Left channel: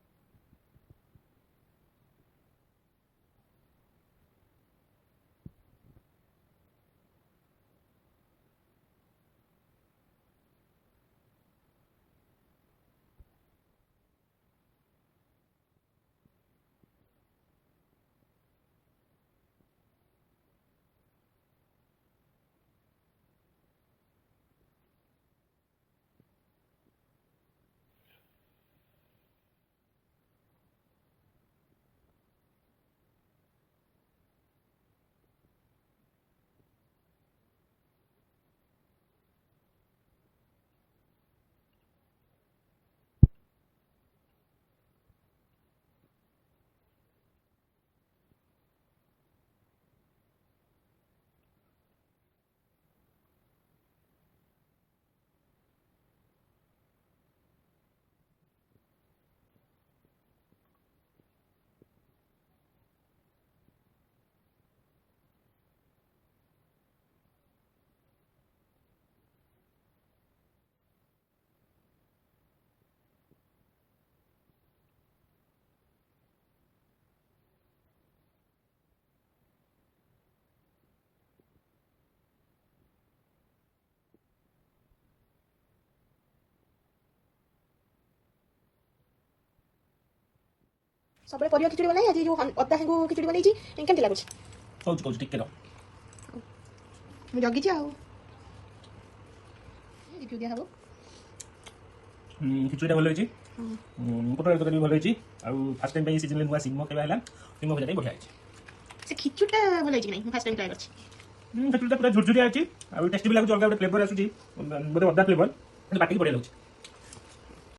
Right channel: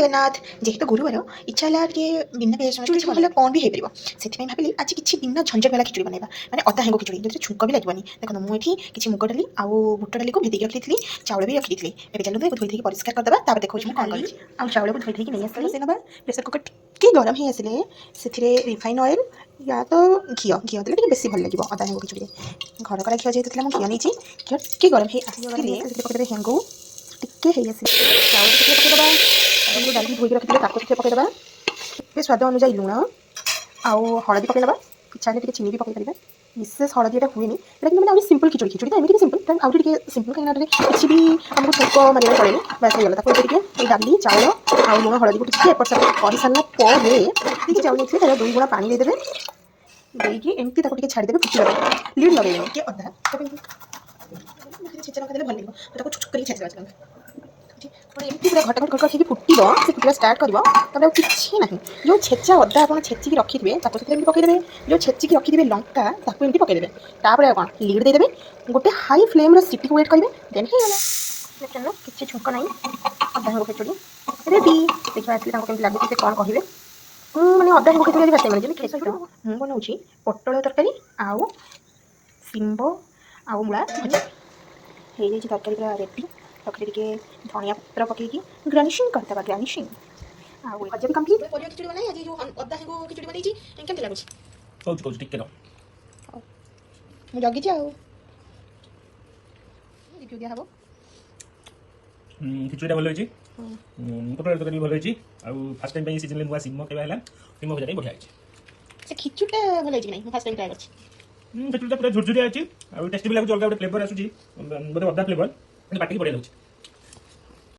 जगन्नाथ जेहेतु गुरुवार इच्छा है टे बिना पियाज खिचुड़ी भल कौन भी हो पार भाविली आज किसी बिना झंझट वाला खिचुड़ी बनवा मैंने अदा हेंगो खिचुड़ी जो छुंक भी लगे देखो मुझे किसी मुग डाली आउ बुट डाली को भेदिक रखी चाउल भी रखी थी चलो धोई परिष्कार करदेवा देखो कौन करी आ चाउल को धोई नहीं आसली प्रेसर कुकर टी गरम ही आसिले से रिफाइन ऑयल या तो घी घी देते बेस भल लगे अदा हेंगो खिचुड़ी घर करा घी जेहतु घी नहीं घी टी गरम ही पकड़े हेंगू टिके चाउल पकईदेवा डाली धोई रखी पकईदेवा स्वाद अनुजाई लुण आउ हलदी पकईदेवा इच्छा है चीनी भी पकईपर विशेष हलदी एटा हुए लेकिन मैंने सिंपल खिचुड़ी खिचुड़ी तो एमती सिंपल आउटे सिंपल कहीं किसी भी आमको छुक मारे पड़े बस हो गला डाली चाउल आउ लुण हलदी को टी एपट सेपट कर सारा पर चाउल नहीं तार 2 गुणा पानी देदेवे देकी एमती छाड़देवे फुटवा लिड लगे कि अदा छेचा लगा देले भल लगे छुक कर छेचा एमती पूरा घट घट घट फुटब से फुटा स्टार्ट कर किसी ना जो छेचा अदा आप छेचिकी रखिथे पकईदेवे जो छेचिकी रखिथे लंका एमती पकईदेवे तापर कौन लिड देदेवे गोटे हाई फ्लेम सीटी को वेट करेंगे देन हो किसी छुंक ना अदा हेंगो खिचुड़ी रेडी देखा आसली लगे कौन कहे मैंने अदा हेंगो खिचुड़ी आज फर्स्ट टाइम मुझे बनाऊँ पटल तरकारी आउ शिंब आउ मूला भजा हो तरकारी पूरा रेडी तक धनिया पत्र पकईकी गार्निशिंग करदेवा गार्निशिंग आउ भजा भी कम्प्लीट परिया खिचुड़ी बनाई आज जो अदा हेंगो खिचुड़ी बनई केमती लगुच कहूँ टिके जगी दिया हम खिचुड़ी भल होती पटल तरकारी भी भल होती फास्ट टाइम सीजन नुआ सिम खाଇବା सिम भजा बढ़िया से खिचुड़ा भल होती नहीं फास्ट टाइम ट्राई कर खिचुड़ी पूरा झुरझुरिया अच्छी टेस्टी भी लगुच अलग गोटे फ्लेवर आसूँ बोधे अदा फ्लेवर पाटी बढ़िया लगे।